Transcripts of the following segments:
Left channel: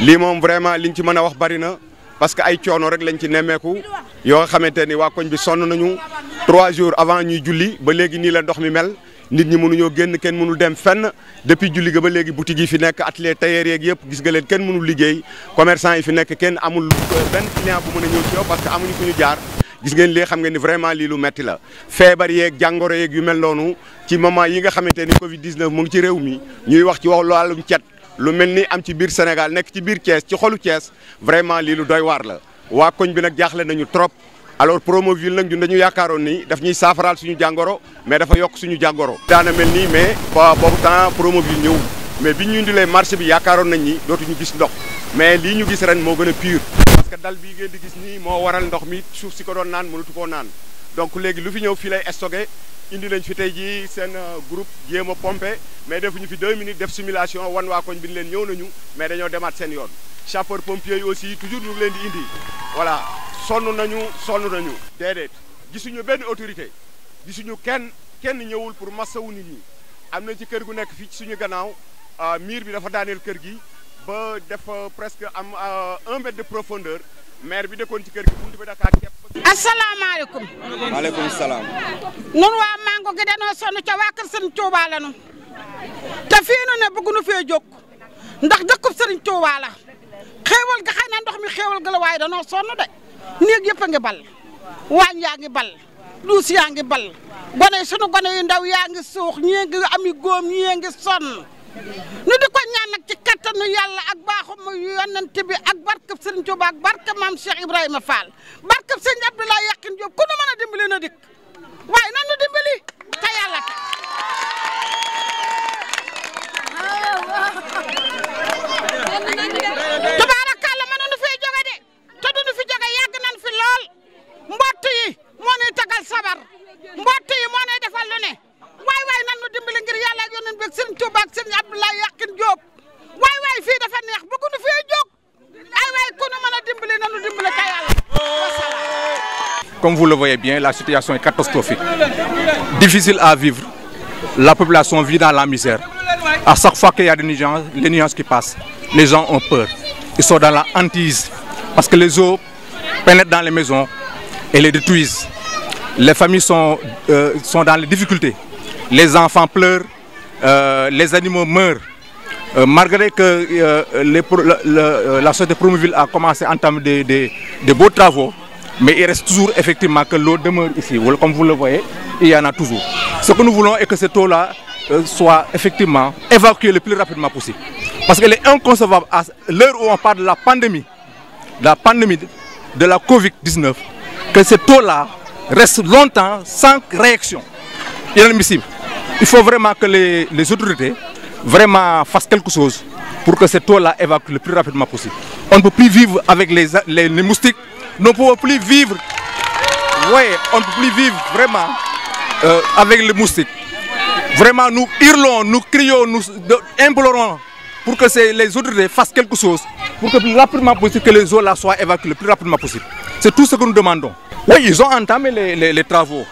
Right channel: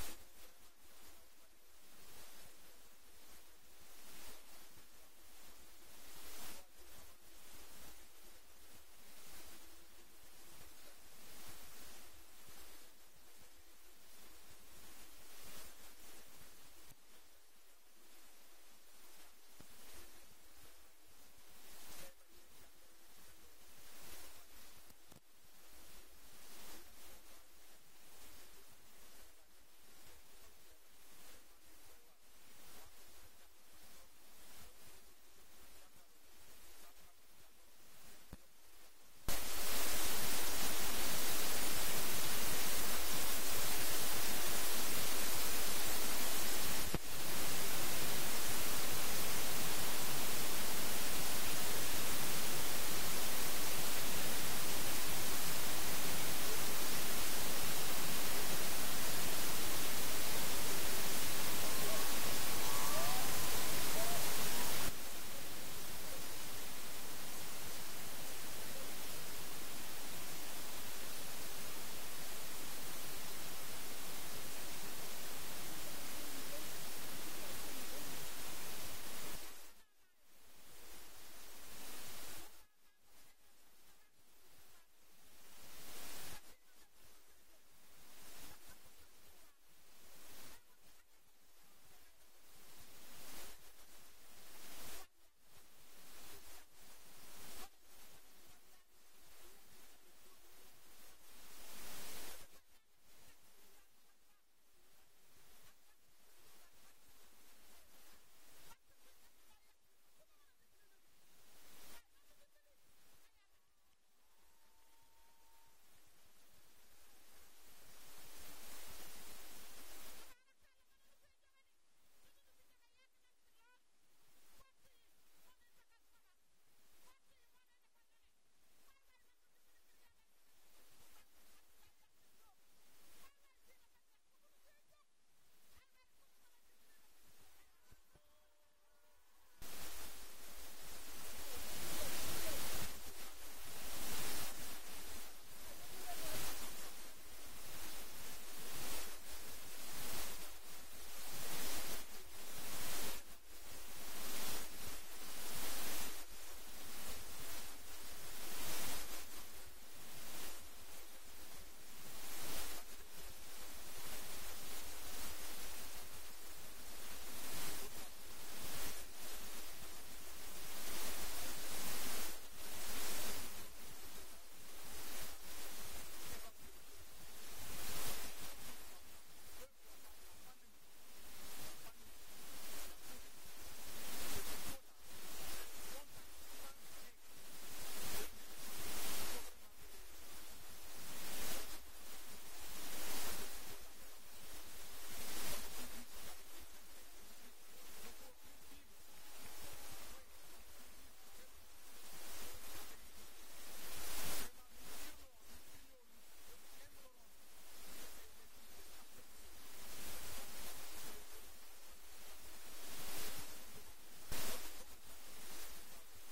lii moom vraiment liñ ci mën a wax bari na parce que ay coono rek lañ ci nemmeeku yoo nga xamante ni waa koñ bi sonn nañu 3 jours avant ñuy julli ba léegi nii la ndox mi mel nit ñi mënuñoo génn kenn mënul dem fenn depuis julli ga ba léegi boutique yi fi nekk atelier tailleur yeeg yëpp gis nga leen kenn mënul liggéey commerçant yi fi nekk kenn amul benn client bu mën a ñëw ci yow parce que amuñu fu ñu jaar gis ngeen lii xam nga ni vraiment lii lu metti la feebar yeeg jàngoro yeeg yu mel noonu ci moment yi nga xamante ni Covid 19 mu ngi ci réew mi ñuy wax ci wàllum cet lu mel ni am ci biir Sénégal nekk ci biir Thiès ci xolu Thiès vraiment lii lu doy waar la waa koñ bi nag jaaxle nañu trop alors Promoville nag ñun dañu yaakaaroon ni daf ñuy saafaraal suñu jàngoro mais dafa yokk suñu jàngoro. daana mel nii mais boobu temps Promoville ñëw mais bi ñu indilee marché bi yaakaaroon nañ ni dootuñu gis ndox mais lii ñu gis ren moo gën a pur parce que dal bii ngeen di gis nii moo waral ndox mi suuf si ko doon naan mënatu koo naan donc léegi lu fi ñëw fii lay stocké indi nañ fi tey jii seen groupe jéem a pompé mais defuñu fi 2 minutes def simulation wan waa koñ bi leen ñëw nañu mais dañoo demaat seen yoon sapeur pompier yi aussi toujours ñu ngi leen di indi voilà sonn nañu déedéet gisuñu benn autorité gisuñu kenn ñëwul pour massawu nit ñi am na ci kër gu nekk fii ci suñu gannaaw miir bi dafa daaneel kër gi ba def presque am 1 mètre de profondeur maire bi dëkkoon ci kër gi buntu bi Dakar képp. asalaamaaleykum. maaleykum salaam. nun waa Mango gi danoo sonn ca waa kër Serigne Touba la nu te fii nu ne bëgguñu fee jóg ndax dëkkub Serigne Touba la xéewal ga xëy na ndox mi xéewal ga la waaye danoo sonn de néeg yëpp a ngi bal waañ yaa ngi bal duus yaa ngi bal gone sunu gone yu ndaw yaa ngi suux ñii ngi ami góom ñii ngi sonn nu di ko ñaan nag ci kattanu yàlla ak baaxum yonent bi ak barkeb Serigne Touba ak barkeb maam Cheikh Ibrahima Fall barkeb Serigne Abdoulaye Yakhine Diop ku nu mën a dimbali na dikk waaye nan nu dimbali te yàlla ta tubaarakàlla mënuñu fee jóge de te duñu fi jóge yàgg nañ fi lool mbott yi moo nuy tagal sabar mbott yi moo nuy defal lu ne waay nan nu dimbali ngir yàlla ak yonent bi ak Serigne Touba ak Serigne Abdoulaye Yakhine Diop waay fii dafa neex bëgguñu fee jóg ay waay ku nu mën a dimbali nan nu dimbali te yàlla. Comme vous le voyez bien, la situation est catastrophique. Difficile à vivre. La population vit dans la misère. À chaque fois qu'il y a des nuages qui passent, les gens ont peur. Ils sont dans la hantise parce que les eaux pénètrent dans les maisons et les détruisent. Les familles sont dans les difficultés. Les enfants pleurent, les animaux meurent. Malgré que la société Promoville a commencé à entamer des beaux travaux, mais il reste toujours effectivement que l'eau demeure ici. Comme vous le voyez, il y en a toujours. Ce que nous voulons est que cette eau-là soit effectivement évacuée le plus rapidement possible. Parce qu'elle est inconcevable à l'heure où on parle de la pandémie de la Covid-19, que cette eau-là reste longtemps sans réaction. Inadmissible. Il faut vraiment que les autorités vraiment fassent quelque chose pour que cette eau-là évacue le plus rapidement possible. On ne peut plus vivre avec les moustiques. Nous ne pouvons plus vivre, on ne peut plus vivre vraiment avec les moustiques. Vraiment, nous hurlons, nous crions, nous implorons pour que les autorités fassent quelque chose pour que le plus rapidement possible que les eaux là soient évacuées le plus rapidement possible. C'est tout ce que nous demandons. Oui, ils ont entamé les travaux,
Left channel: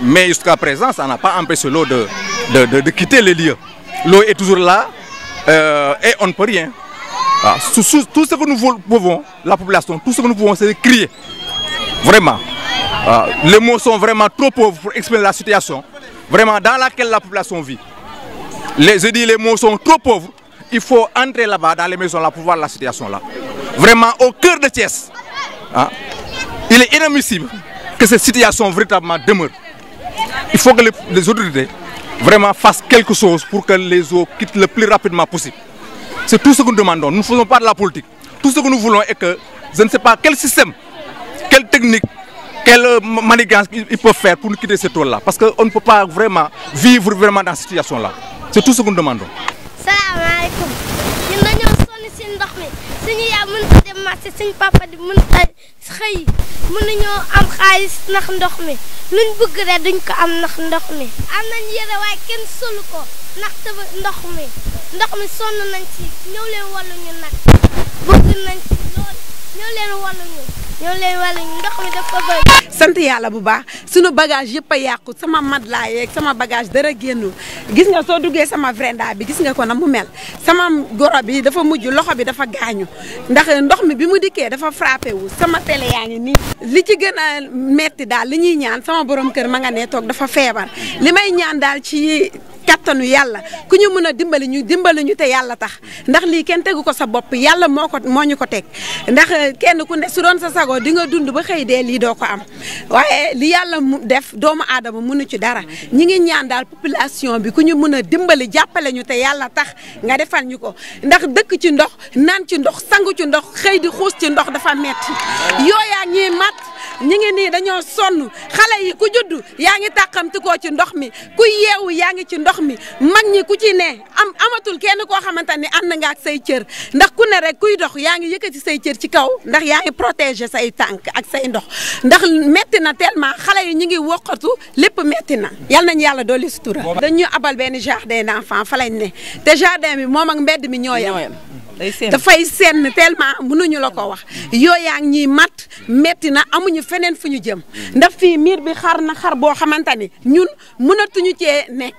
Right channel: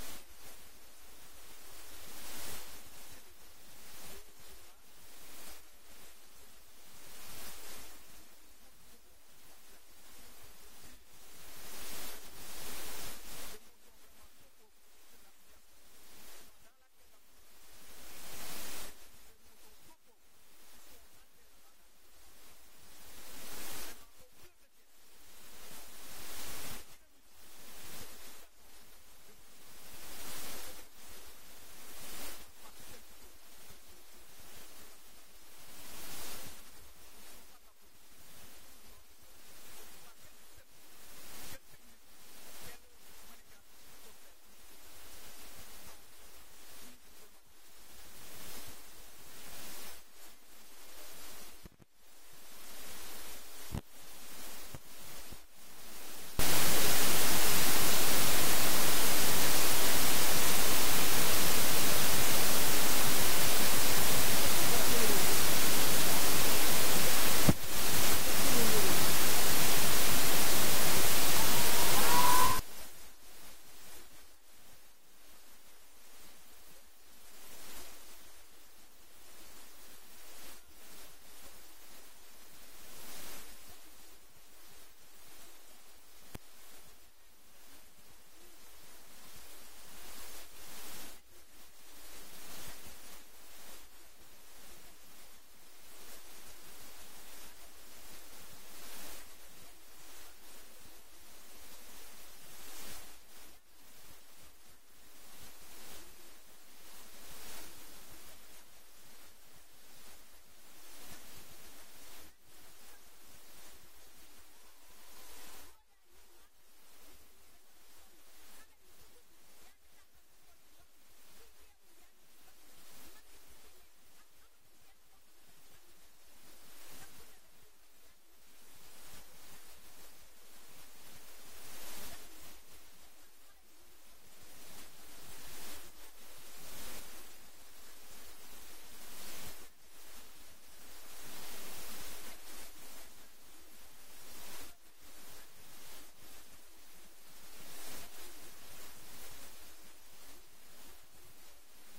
mais jusqu'à présent, ça n'a pas empêché l'eau de quitter les lieux. L'eau est toujours là et on ne peut rien. Ah, tout ce que nous pouvons, la population, tout ce que nous pouvons, c'est de crier. Vraiment. Les mots sont vraiment trop pauvres pour exprimer la situation vraiment dans laquelle la population vit. Je dis les mots sont trop pauvres. Il faut entrer là-bas dans les maisons là pour voir la situation là. Vraiment au cœur de Thiès. Il est inadmissible que cette situation véritablement demeure. Il faut que les autorités vraiment fassent quelque chose pour que les eaux quittent le plus rapidement possible. C'est tout ce que nous demandons. Nous ne faisons pas de la politique. Tout ce que nous voulons est que, je ne sais pas quel système, quelle technique, quelle manigance ils peuvent faire pour nous quitter cette eau-là. Parce qu'on ne peut pas vraiment vivre vraiment dans cette situation-là. C'est tout ce que nous demandons. Salam alaikum. Nous sommes ici dans le suñu yaay mënut a dem marché suñu papa di mënut a xëy mënuñoo am xaalis ndax ndox mi luñ bëgg rek duñ ko am ndax ndox mi am nañ yére waaye kenn solu ko ndax ndox mi sonn nañ ci ñëw leen wallu ñu nag bëgg nañ ci lool ñëw leen wallu ñu ñoo leen wala ndox mi dafa bëri. sant yàlla bu baax sunu bagage yëpp a yàqu sama matelas yeeg sama bagage dara génnul gis nga soo duggee sama vrenda bi gis nga ko na mu mel sama goro bi dafa mujj loxo bi dafa gaañu ndax ndox mi bi mu dikkee dafa frappé wu sama télé yaa ngi nii. li ci gën a metti daal li ñuy ñaan sama borom kër ma nga ne toog dafa feebar li may ñaan daal ci kattanu yàlla ku ñu mën a dimbali ñu te yàlla tax ndax lii kenn tegu ko sa bopp yàlla moo ñu ko teg ndax kenn ku ne su doon sa sago di nga dund ba xëy dee lii doo ko am waaye li yàlla mu def doomu aadama mënu ci dara ñi ngi ñaan daal population bi ku ñu mën a dimbali jàppale ñu te yàlla tax nga defal ñu ko ndax dëkk ci ndox naan ci ndox sangu ci ndox xëy di xuus ci ndox dafa metti yooyaa ñuy mat ñi ngi nii dañoo sonn xale yi ku juddu yaa ngi tàqamti koo ci ndox mi ku yeewu yaa ngi ci ndox mi mag ñi ku ci ne amatul kenn koo xamante ni ànd nga ak say cër ndax ku ne rek kuy dox yaa ngi yëkkati say cër ci kaw ndax yaa ngi protéger say tànk ak say ndox ndax metti na tellement xale yi ñi ngi wokkatu lépp metti na yal nañu yàlla dolli sutura dañu abal benn jardin d'enfant fa lañ ne te jardin bi moom ak mbedd mi ñoo yem dafay senn tellement mënuñu la ko wax yooyaa ngi ñuy mat metti na amuñu feneen fu ñu jëm ndax fii miir bi xar na xar boo xamante ni ñun mënatuñu cee nekk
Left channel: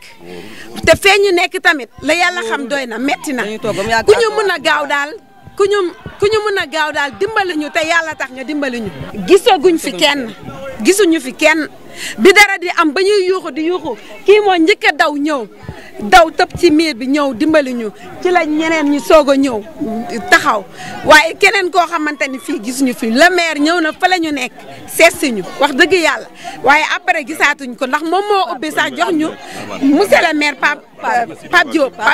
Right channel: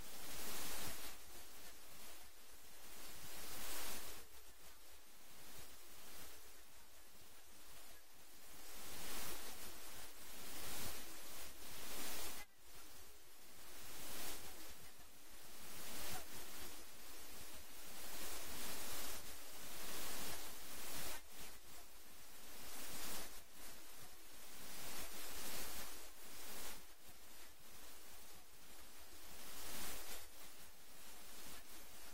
te fee ñu nekk tamit la yàlla xam doy na metti na ku ñu mën a gaaw daal ku ñu mën a gaaw daal dimbali ñu te yàlla tax nga dimbali ñu gisuñu fi kenn bi dara di am ba ñuy yuuxu di yuuxu kii moo njëkk a daw ñëw daw tëb ci miir bi ñëw dimbali ñu ci la ñeneen ñu soog a ñëw taxaw waaye keneen koo xamante ni fii gisuñu fi le maire ñëw na fa la ñu nekk seet si ñu wax dëgg yàlla waaye après gisaatuñ ko ndax moom moo ubbi sax jox ñu monsieur le maire Pape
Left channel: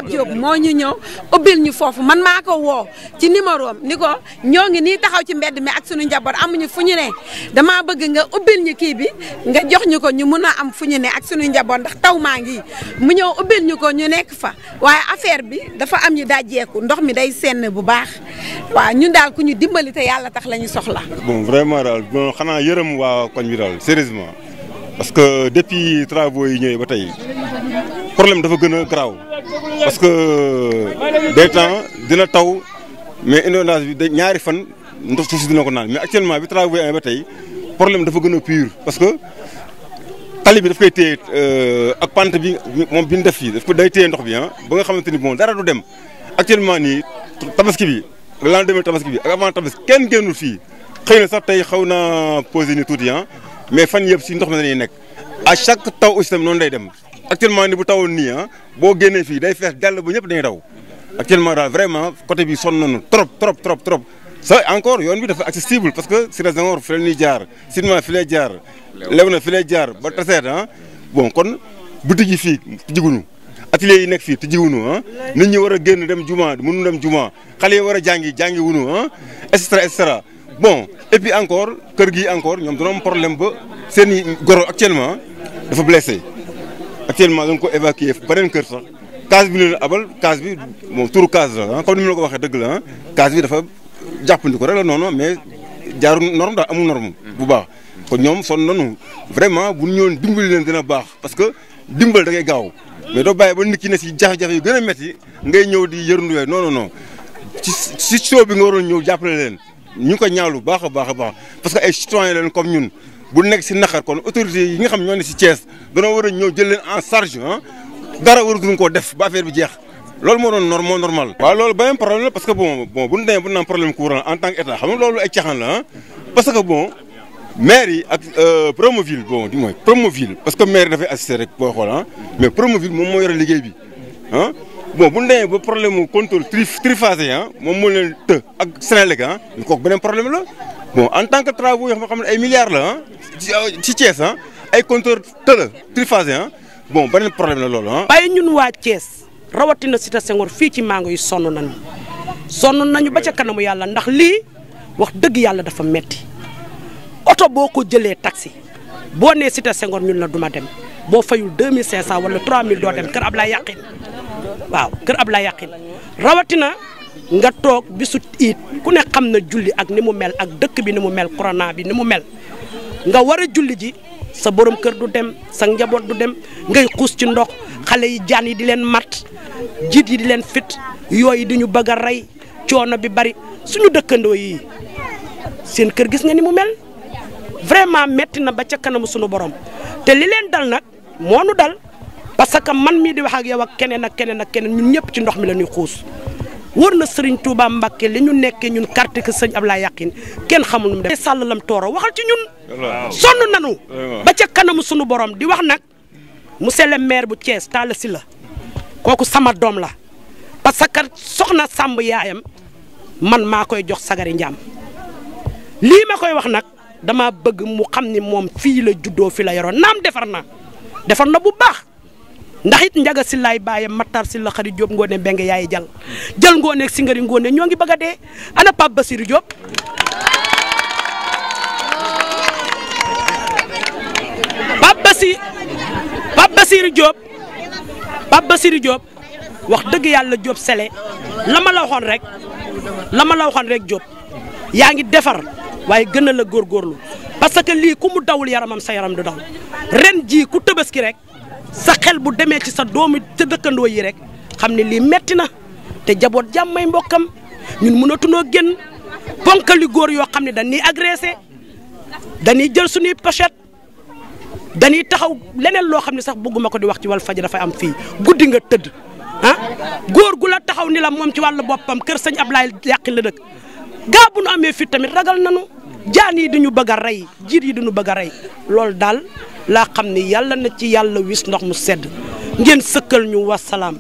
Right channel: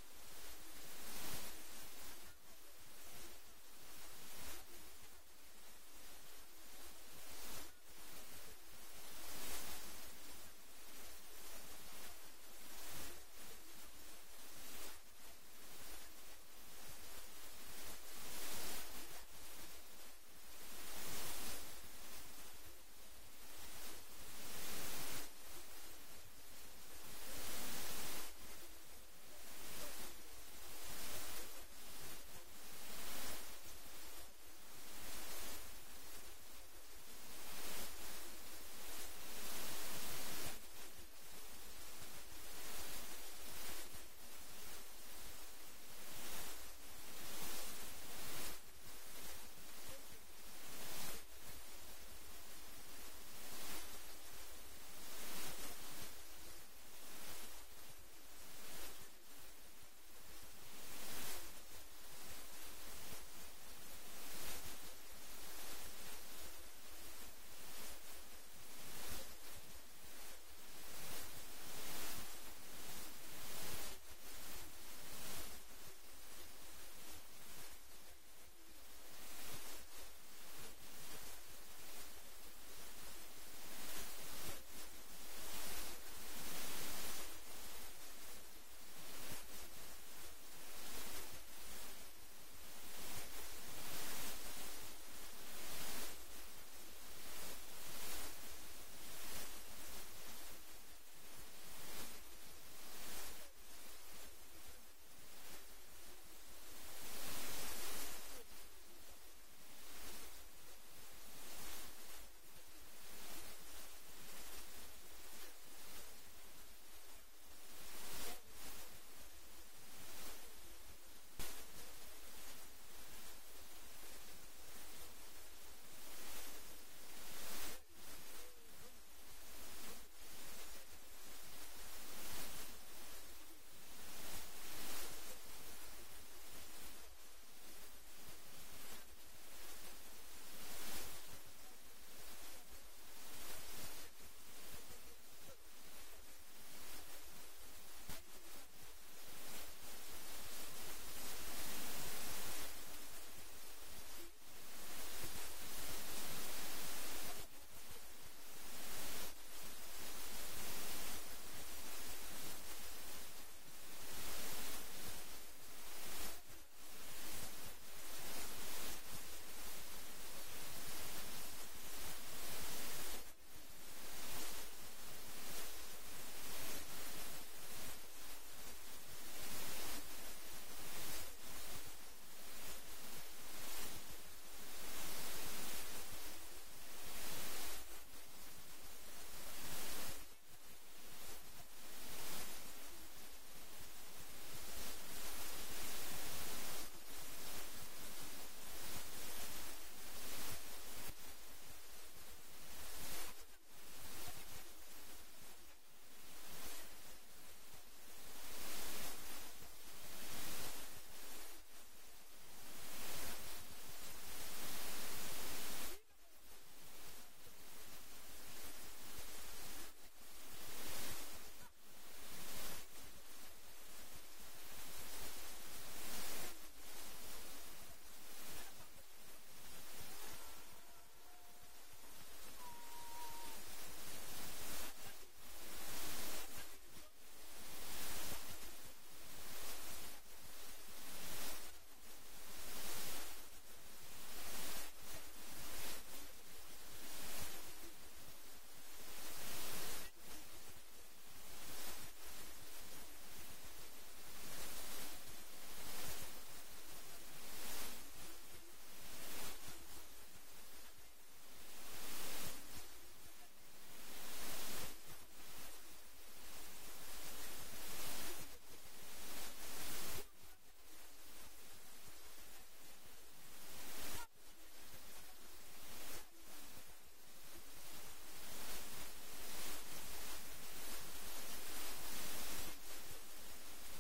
Diop moo ñu ñëw ubbil ñu foofu man maa ko woo ci numéro am ni ko ñoo ngi nii taxaw ci mbedd mi ak suñu njaboot amuñu fu ñu ne damaa bëgg nga ubbil ñu kii bi nga jox ñu ko ñu mun a am fu ñu ne ak suñu njaboot ndax taw maa ngi mu ñëw ubbil ñu ko ñu nekk fa waaye affaire bi dafa am ñu dajjeeku ndox mi day senn bu baax waaw ñun daal ku ñu dimbali te yàlla tax la ñu soxla. bon vraiment daal bon xanaa yërëm waa koñ bi daal sérieusement parce que depuis travaux yi ñëwee ba tey problème dafa gën a garaaw parce que des temps dina taw mais inondation bi ñaari fan ndox suuf si dina ko naan mais actuellement bi travaux yi amee ba tey problème dafa gën a pur parce que tali bi daf koy téye ak pante bi moom bi ñu def fii daf ko day téye ndox bi ba nga xamante ni bon dara du dem actuellement nii tabaski bi lendemain tabaski bi ak avant tabaski kenn génnul fii xëy na sax tey xaw naa posé ni tuuti mais fan yëpp si ndox mi dañuy nekk à chaque taw aussi tamit noonu day dem actuellement ni bu tawoon nii boo génnee fii day fees dell ba ñëpp dañuy daw actuellement daal vraiment côté bi sonn nañu trop ça encore yoon bi dafa accessible parce que Cité Senghor fi la ñuy jaar Sidma fi lay jaar Léona fi lay jaar ba Taseet bon kon boutique yi fii tijjiguñu atelier yi nekk fii tijjiguñu nit ñi war a génn dem juma mënu dem juma xale yi war a jàngi wuñu et cetera bon et puis encore kër gi encore ñoom dañoo am problème ba seen i goro actuellement dafa blessé actuellement dañ ko évacuer beneen kër sax case bi leen abal case bi moom turu case la comme ni ma la ko waxee dëgg la case bi dafa jàppandi ko rek la noonu mais jaarul norme daal amul norme bu baax kon ñoom sonn nañu vraiment bu ñu ñëwoon dimbali leen dina baax parce que dimbal da ngay gaaw mais doo bàyyi ba nit ki ne si jafe-jafe yu gën a métti ngay ñëw di yërnduwee non ci soo bi nga waroon ñëw jàppale leen ñu ngi ko ñaawlu baax a baax parce que ay citoyen leen comme ñun bu nekk si naqar kon autorités yi nga xam ñoo ne si Thiès danoo war a ñëw jël leen en charge dara waratuñ koo def ba affaire bi jeex loolu moo doon normal. waaw loolu beneen problème la parce que bon bu ñu demee bu ñu naan problème courant en tant que état xam nga loolu ay caxaan la parce que bon maire yi ak Promoville bon du moins Promoville parce que maire dafay assister rek boo xool mais Promoville moom moo yore liggéey bi bon bu ñu demee ba problème mu contrôle triphasé moom moo leen të ak Sénélec ñu kooku beneen problème la bon en tant que travaux yoo xam ne ay milliards la ci Thiès ay contrôle të la triphasé bon beneen problème la loolu waaye ñun waa Thiès rawatina Cité Senghor fii ci Mango yi sonn nañu ba ca kanamu yàlla ndax lii wax dëgg yàlla dafa metti oto boo ko jëlee taxi boo nee Cité Senghor ñun la duma dem boo fayul 2500 wala 3000 doo dem kër Ablaye Yaqin waaw kër Ablaye Yaqin rawatina nga toog bisu iit ku ne xam na julli ak ni mu mel ak dëkk bi ni mu mel corona bi ni mu mel nga war a julli ji sa borom kër du dem sa njaboot du dem ngay xuus ci ndox xale yi jaan yi di leen mat jiit yi di leen fit yooyu di ñu bëgg a rey coono bi bari suñu dëkkandoo yi seen kër gis nga ni mu mel vraiment metti na ba ca kanamu sunu borom te li leen dal nag moo nu dal parce que man mii di wax ak yow ak keneen ak keneen ak keneen ñun ñëpp ci ndox mi la ñuy xuus wër na Serigne Touba Mbacké li ñu nekkee ñun carte que sëñ Ablaye Yakhine kenn xamul nu mu def sàll lam tooro waxal ci ñun sonn nanu ba ca kanamu sunu borom di wax nag monsieur le maire bu Thiès Talla Sylla kooku sama doom la parce que soxna Samb yaayam man maa koy jox sagari njaam lii ma koy wax nag dama bëgg mu xam ni moom fii la juddoo fi la yoroon naam defar na bu baax ndax it njaga si laay bàyyam Matar si la xarit Diop ngoone benge yaay jël ngoone ak singari ngoone ñoo ngi bëgg a dee ana Pape Basirou Diop Pape Basirou Diop wax dëgg yàlla Diop sele la ma la waxoon rek Diop yaa ngi defar waaye gën a la góorgóorlu parce que lii ku mu dawul yaramam sa yaram du daw ren jii ku tëbaski rek sa xel bu demee ci sa doomi te dëkkandoo yi rek xam ne lii metti na te jaboot jàmmay mbokkam ñun mënatunoo génn ponkali góor yoo xam ne dañuy agressé dañuy jël suñuy pochette dañuy taxaw leneen loo xam ne sax bëgguma ko di wax ci Walfadjri dafay am fii guddi nga tëdd góor gu la taxaw ni la moom ci wàllu boppam kër sëñ Ablaye Yakhine la dëkk gaa bu nu amee fit tamit ragal nanu jaan yi duñu bëgg a rey jiit yi duñu bëgg a rey loolu daal laa xam ni yàlla na ci yàlla wis ndox mu sedd ngeen sëkkal ñu wasalaam